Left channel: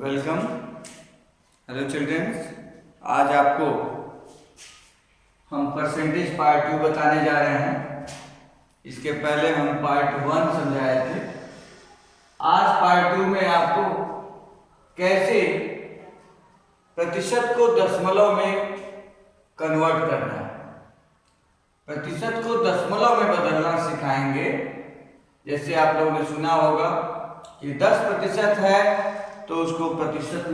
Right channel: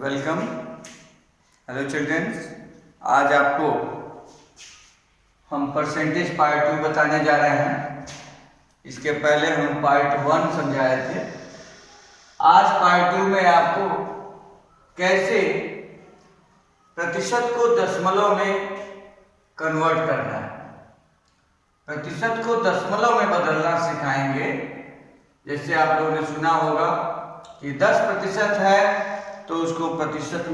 Welcome. Hello children's, आज आपको हम परसेंटेज पार्ट 2 बताने जा रहे हैं। इसके पहले हम पार्ट 1 समझाए थे। आज पार्ट 2 में आपको कैसे प्रतिशत को दशमलव में कन्वर्ट करना है, प्रतिशत को दशमलव में बदलना सिखाएंगे। जैसे आप लोगों ने सुना होगा कि 10% है तो उसको प्रतिशत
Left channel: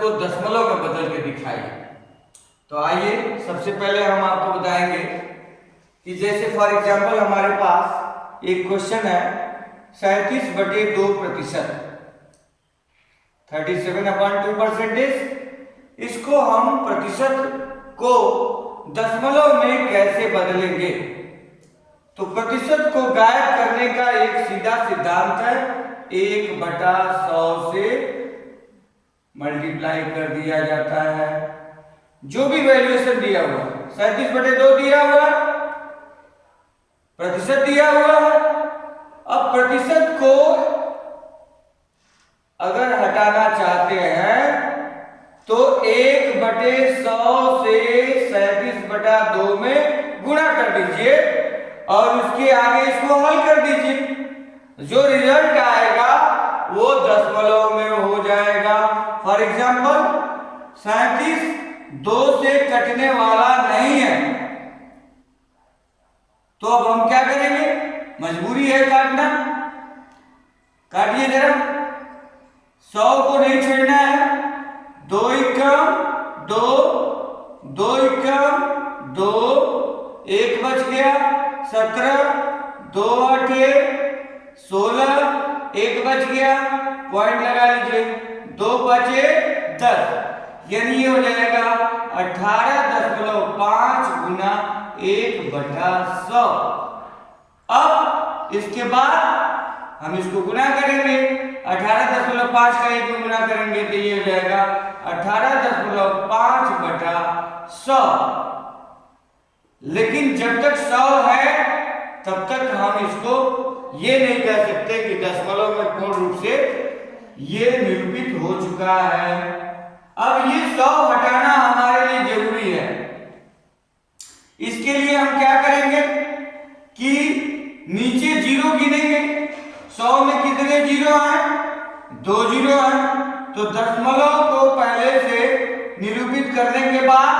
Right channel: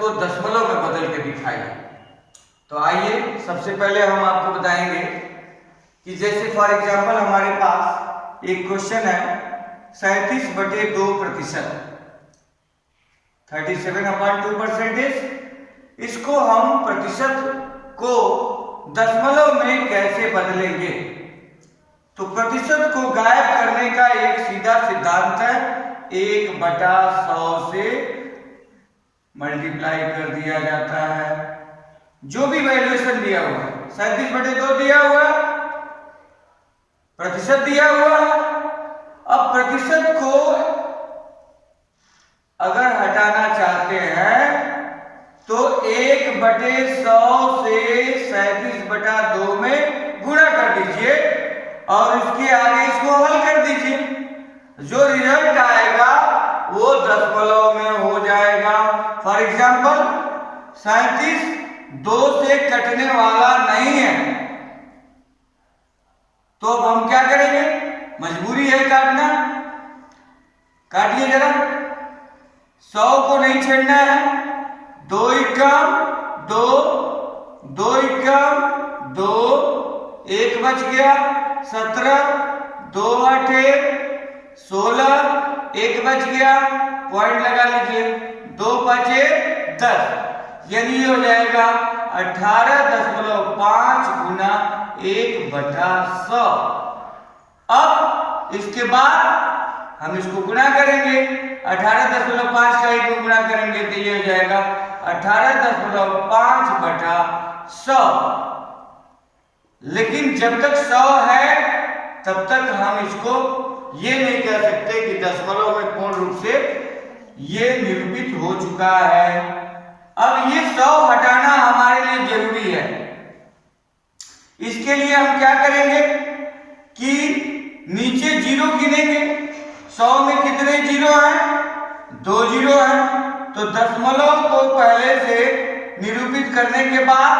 को दशमलव में बदल के दिखाइए। तो आइए सबसे पहले हम आपको बताएंगे कि जैसे फॉर एग्जांपल हमारे पास एक क्वेश्चन है 37/2%, 37/2%। इसको हम प्रतिशत को दशमलव में कैसे बदलेंगे। तो प्रतिशत को गायब करने का एक सीधा सिद्धांत है, 1/100 से मल्टीप्लाई कर दिया जाता है। जो भी वैल्यूएशन दिया हुआ है, 37/2 दिया हुआ है, प्रतिशत दिया हुआ है। अब प्रतिशत को अगर हटाना चाहते हैं तो 1/100 से 37/2 में गुणा कर दीजिए और इसके आगे इसको हल कर दीजिए। जो रिजल्ट आएगा वो दशमलव में हो जाएगा। फॉर एग्जाम्पल 37 2 से कटने वाला नहीं है, तो अब हम क्या करेंगे, मजबूरी है काटना। काटिए जरा, 100 को नहीं छोड़ना है। 2 एकम 2, 2 एकम 2, 1 बच गया 17, 2 8 16, 1 बच गया, पॉइंट लगा लीजिए, 2 5 10, यानी ये हो जाएगा 18.5 गुना 1/100। अब इसके बाद हम इसको गुणा करेंगे, 18.5 का 1 को गुणा करेंगे तो ये हो जाएगा 18.5/100। लेकिन जब तक 100 है तब तक हम इसको ये नहीं कह सकते कि दशमलव में पूर्ण रूप से ये निरूपित हो चुका है। अब ये 100 हटाना हमारे लिए जरूरी है। इसके लिए हम क्या करेंगे कि नीचे जीरो गिनेंगे। 100 में कितने जीरो हैं? 2 जीरो हैं। तो दशमलव को पहले से निरूपित करने के बाद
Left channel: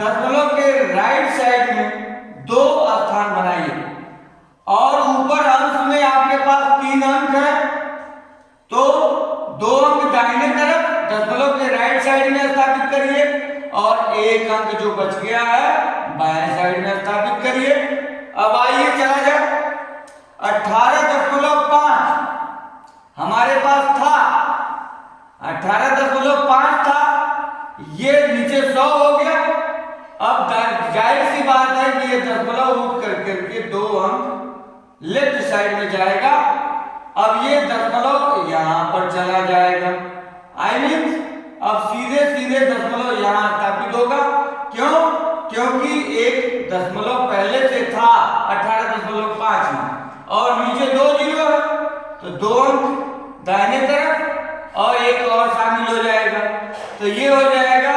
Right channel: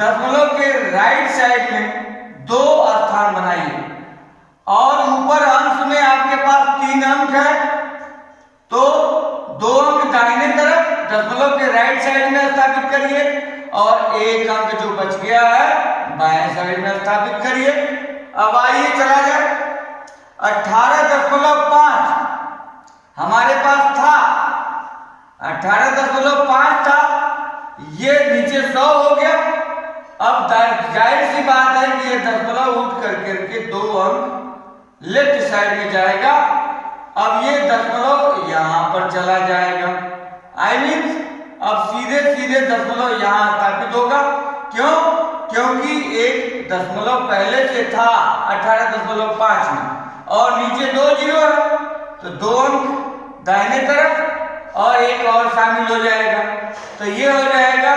दशमलव के राइट साइड में 2 स्थान बनाइए और ऊपर अंश में आपके पास 3 अंक है तो 2 अंक दाहिने तरफ दशमलव के राइट साइड में स्थापित करिए और 1 अंक जो बच गया है बाएं साइड में स्थापित करिए। अब आइए चला जाए, 18.5 हमारे पास था, 18.5 था, ये नीचे 100 हो गया। अब जाहिर सी बात है कि ये दशमलव उठ करके 2 अंक लेफ्ट साइड में जाएगा। अब ये दशमलव यहां पर चला जाएगा। आई मीन अब सीधे दशमलव यहां स्थापित होगा। क्यों? क्योंकि एक दशमलव पहले से था 18.5 में और नीचे 2 जीरो है तो 2 अंक दाहिने तरफ और 1 और शामिल हो जाएगा। तो ये हो जाएगा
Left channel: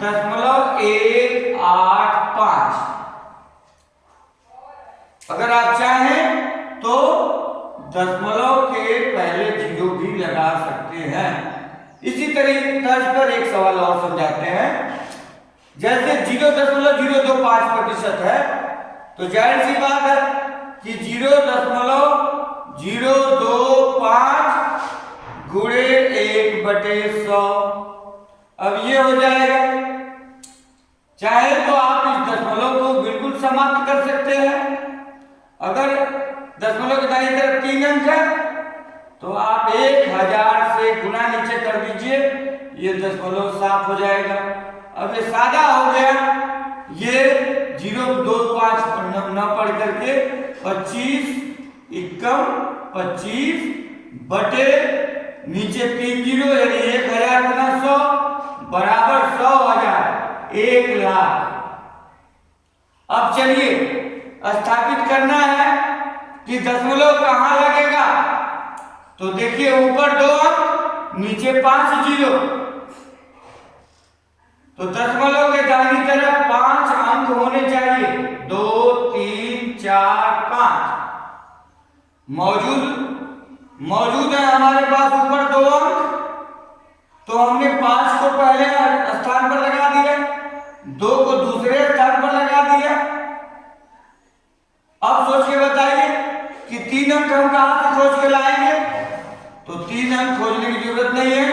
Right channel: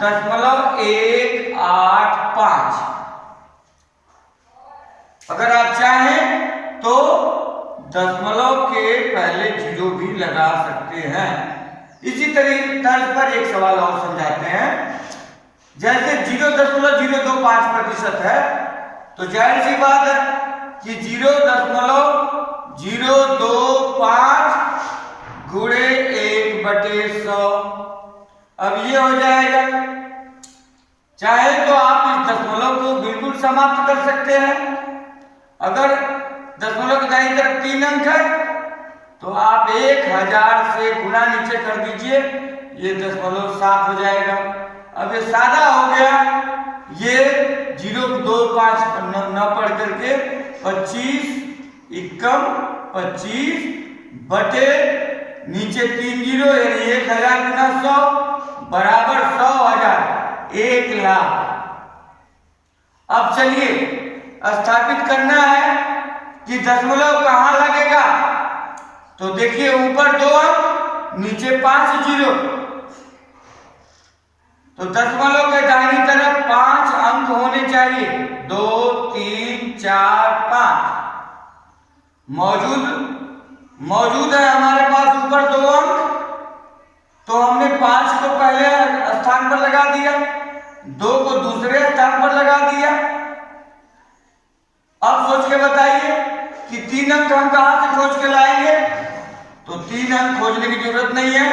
0.185। अगर आप चाहें तो दशमलव के पहले जीरो भी लगा सकते हैं। इसी तर्ज पर एक सवाल और समझाते हैं। जैसे 0.025% है तो जाहिर सी बात है कि 0.025 गुणे 1/100। अब ये हो जाएगा। चाहे तो आप इस दशमलव को बिल्कुल समाप्त कर सकते हैं। अगर दशमलव की दाईं तरफ 3 अंक है तो आप 1000 से गुणा नीचे कर दीजिए, ये दशमलव साफ हो जाएगा। अब ये सादा हो गया, ये 0.25 न पढ़ करके 25 एकम 25 बटे नीचे 3 जीरो यानी 1000 गुना 100 बराबर 100,000, 1 लाख। अब चलिए स्थापित करना है कि दशमलव कहां लगेगा। तो देखिए ऊपर 2 अंक, नीचे 5 जीरो, तो दशमलव के दाहिनी तरफ 5 अंक होने चाहिए। 2 3 4 5 मौजूद है हमारे पास ऊपर 2 अंक, तो हमने 5 को पहले स्थान पर लगा दिया, 2 को दूसरे स्थान पर लगा दिया। अब सोच के बताइए कि 3 अंक हम कहां से खोज के लाएंगे? तो 3 अंक खोजने की जरूरत नहीं है,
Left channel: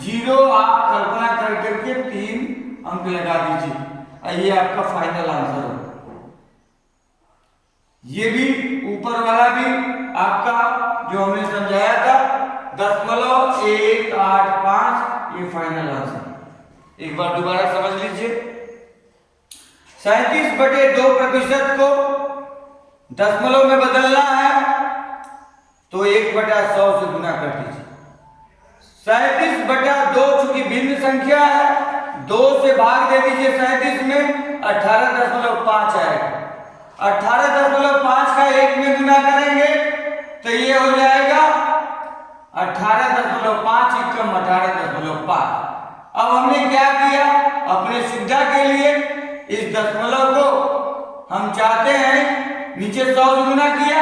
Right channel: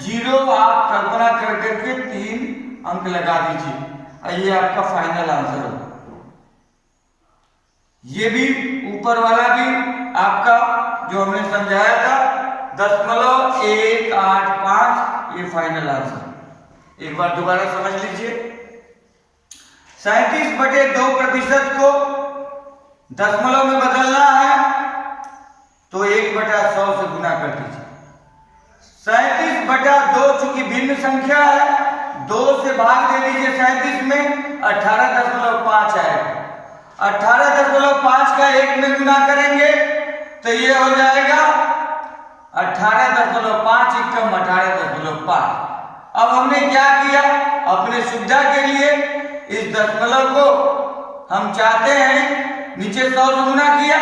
0 आप कल्पना कर करके 3 अंक लगा दीजिए। ये आपका फाइनल आंसर हो। ये भी ऊपर वाला भी आपका जो हमने समझाया था 0.185, ये फाइनल आंसर। एक बार दोबारा समझ लीजिए। 37/2% को दशमलव में बदलना है तो 1/100 से गुना कर दीजिए। 37/2 चूंकि भिन्न संख्या है, 2 से भाग दे दीजिए 37 में, 18.5 आएगा। 18.5 का 1 में गुना करेंगे तो ये हो जाएगा 18.5 एकम 18.5। अब हमने क्या किया, अपने सुविधा के लिए इस दशमलव को हम चाहते हैं नीचे 100 से गुना किया,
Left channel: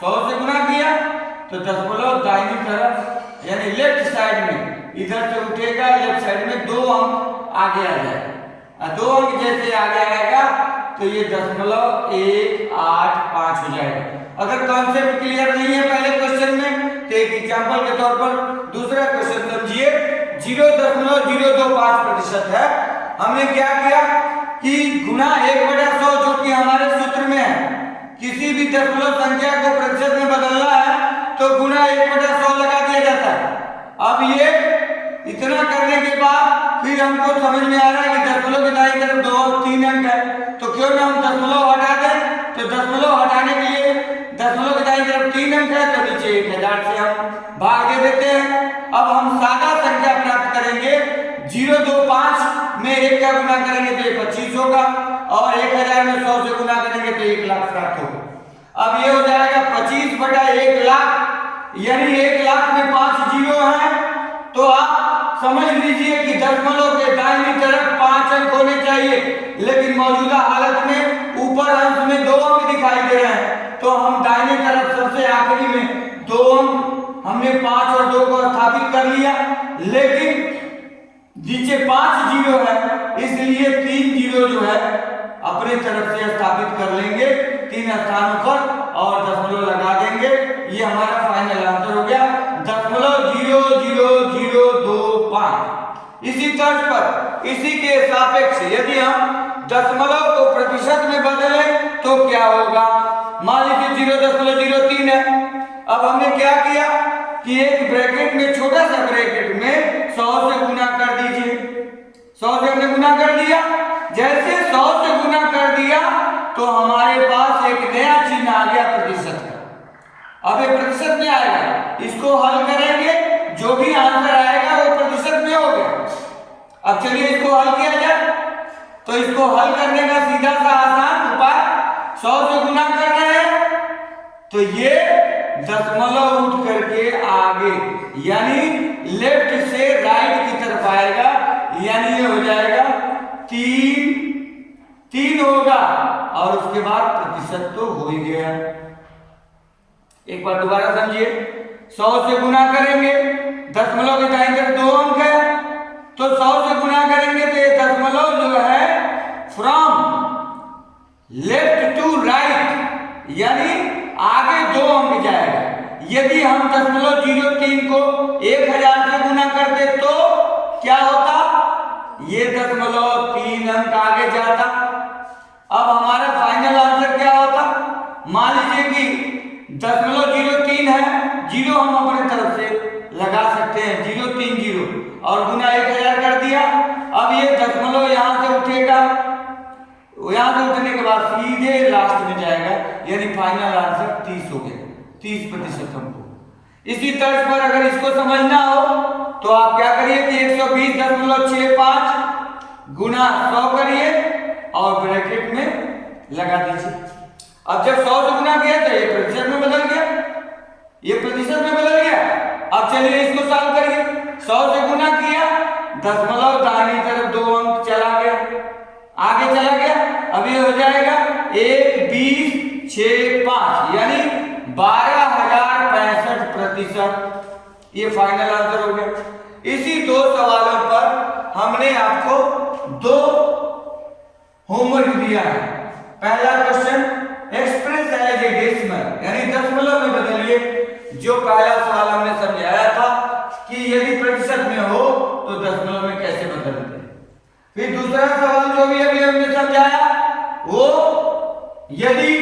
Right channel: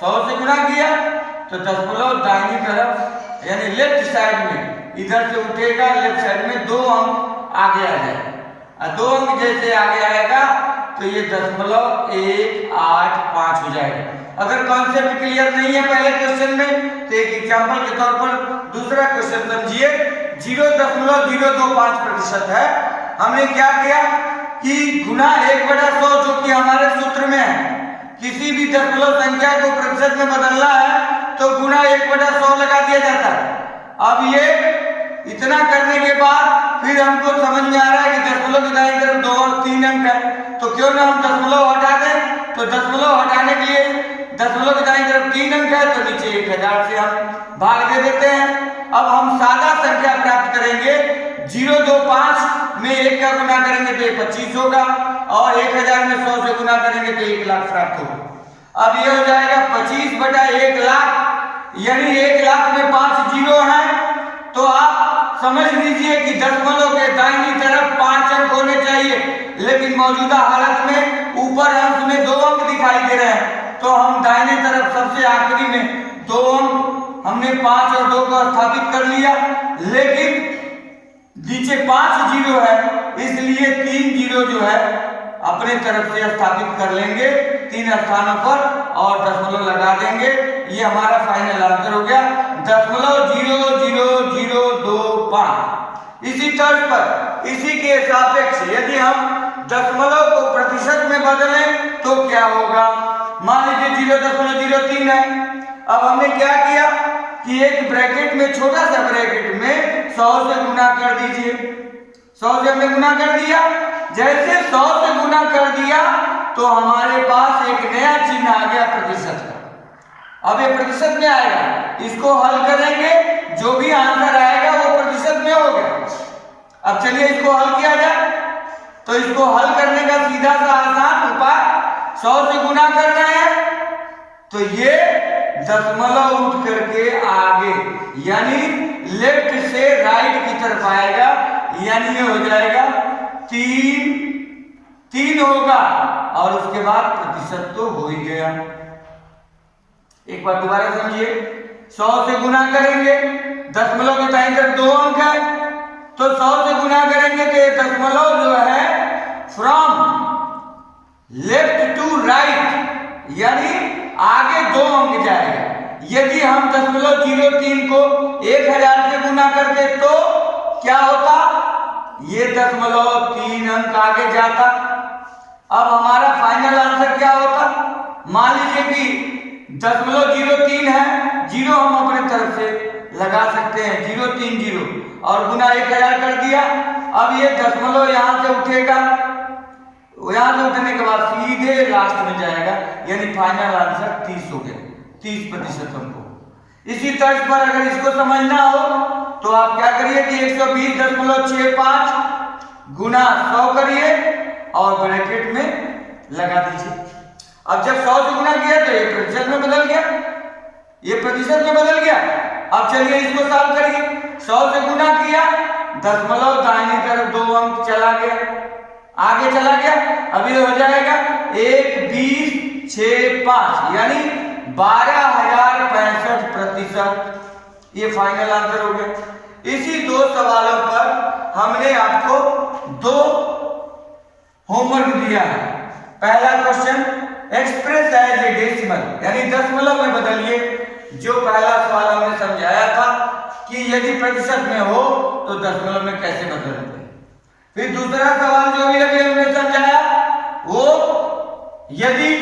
100 से गुना किया तो दशमलव दाहिनी तरफ यानी लेफ्ट साइड में इधर से उठेगा, लेफ्ट साइड में 2 अंक आगे आ जाएगा। 2 अंक जैसे आगे आएगा तो ये 0.185 हो जाएगा। अगर कॉन्सेप्ट क्लियर नहीं है पहले क्वेश्चन में तो एक एग्जांपल के तौर पर दूसरा क्वेश्चन समझिए। 0.025% है। हमने क्या किया कि गुना 1/100 जो कि हमारे सूत्र में है, किसी भी दशमलव संख्या को प्रतिशत में बदलना है तो गुना 1/100 लगा दिया जाता है। अब ये इतना करने के बाद फिर हमको समझ में आ रहा है कि दशमलव के दाईं तरफ 2 और 3 अंक है, तो क्यों ना हम दशमलव हटा दें। तो दशमलव हटाने के लिए दशमलव के दाईं तरफ 3 अंक है तो नीचे 1000 से हम भाग दे देते हैं। अब हम सादा संख्या प्राप्त करेंगे। 025 में 1 का गुना करेंगे तो ये 25 होगा और 1000 में 100 से गुना करेंगे तो 1 लाख प्राप्त होगा। अब ये हो जाएगा 25/1 लाख, यानी 1 लाख में 5 जीरो हैं। तो आप समझ लीजिए कि दशमलव के दाहिनी तरफ 5 अंक होने चाहिए, लेकिन मौजूदा हालत में ऊपर अंश में 2 अंक दिखाई दे रहे हैं, तो हम दाहिने तरफ सबसे आखिरी में 2 अंक हमने 5 और 2 को स्थापित कर लिया, लेकिन नीचे 5 जीरो है इसलिए 3 जीरो जो है अपने तरफ से स्थापित कर लेंगे 3 स्थानों पर और दशमलव लगा देंगे। ये हमारा फाइनल आंसर हो गया 0.00025। इसी तर्ज पर इसी के सापेक्ष यदि हम दशमलव को प्रतिशत में बदलें तो क्या होगा। मान लीजिए 0.03 है। अब हमने क्या किया कि एक ब्रैकेट में, छोटा सा ब्रैकेट में 100 से गुना कर दीजिए। 100 से हमने गुना कर दिया। जैसे 100 से गुना कर दिया तो हमारे पास एक नया चिन्ह आ गया प्रतिशत का। अब ये प्रतिशत में आएगा, इसको हल करेंगे, जो भी आंसर आएगा वो प्रतिशत में हो गया। अब चलिए इसको हल किया जाए। तो इसको हल करने का सीधा सा आसान उपाय, 100 से गुना कर रहे हैं तो ये दशमलव उठ करके आगे यानी लेफ्ट से राइट की तरफ आएगा, यानी ये हो जाएगा 3 होगा और उसके बाद प्रतिशत तो हो ही गया। एक बार दोबारा समझिए। 100 से गुना करेंगे, दशमलव के दाईं तरफ 2 अंक है तो 100 से गुना करेंगे तो ये दशमलव जो है फ्रॉम लेफ्ट टू राइट यानी आगे 2 अंक जाएगा। यदि हम 0.03 को 1000 से गुना करते तो क्या होता, ये 0.3 अंक आगे जाता। अब हमारा फाइनल आंसर क्या होता, मान लीजिए कि 0.03 है, जीरो हम अपने तरफ से लगा सकते हैं, 030 और गुना 1000 कर दिया। अब ये दशमलव यहां से उठेगा, यहां से उठने के बाद सीधे लास्ट में जाएगा, यानी फाइनल आंसर 30 हो गए, 30% हमको। इसी तर्ज पर अगर इसको समझना हो तो आप क्या करिए कि 120.65 गुना 100 करिए और ब्रैकेट में लगा दीजिए। अब जब 100 से गुना किया तो ये प्रतिशत में बदल गया, ये प्रतिशत में बदल गया। अब चलिए इसको सॉल्व करिए। 100 से गुना किया, दशमलव दाहिनी तरफ 2 अंक चला गया, आगे चला गया। अब ये हो जाएगा 1, 20, 6, 5 यानी 12,065 प्रतिशत। ये फाइनल आंसर हो गया। इसी 2 सवालों पर हमने आपको 2 होमवर्क दिया है। पहला question, express as a decimal यानी दशमलव में बदलिए। जो पहला सवाल हमने समझाया था कि यदि प्रतिशत में हो तो दशमलव में कैसे बदलते। फिर दूसरा सवाल जो भी अभी हमने समझाया वो यदि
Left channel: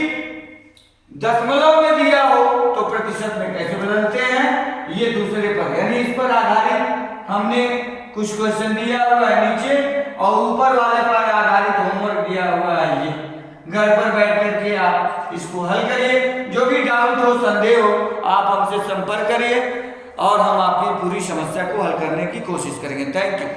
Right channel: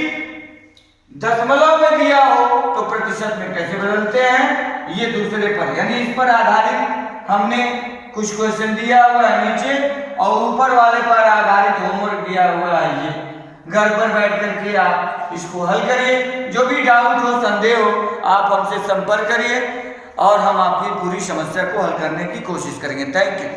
दशमलव में दिया हो तो प्रतिशत में कैसे बदलते हैं, ये दूसरे पर यानी इस पर आधारित हमने कुछ क्वेश्चन दिया हुआ है नीचे, और ऊपर वाले पर आधारित होमवर्क दिया हुआ है। ये घर पर बैठ करके आप इसको हल करिए। जो भी डाउट हो, संदेह हो, आप हमसे संपर्क करिए और हम आपकी पूरी समस्या को हल करने की कोशिश करेंगे। Thank you.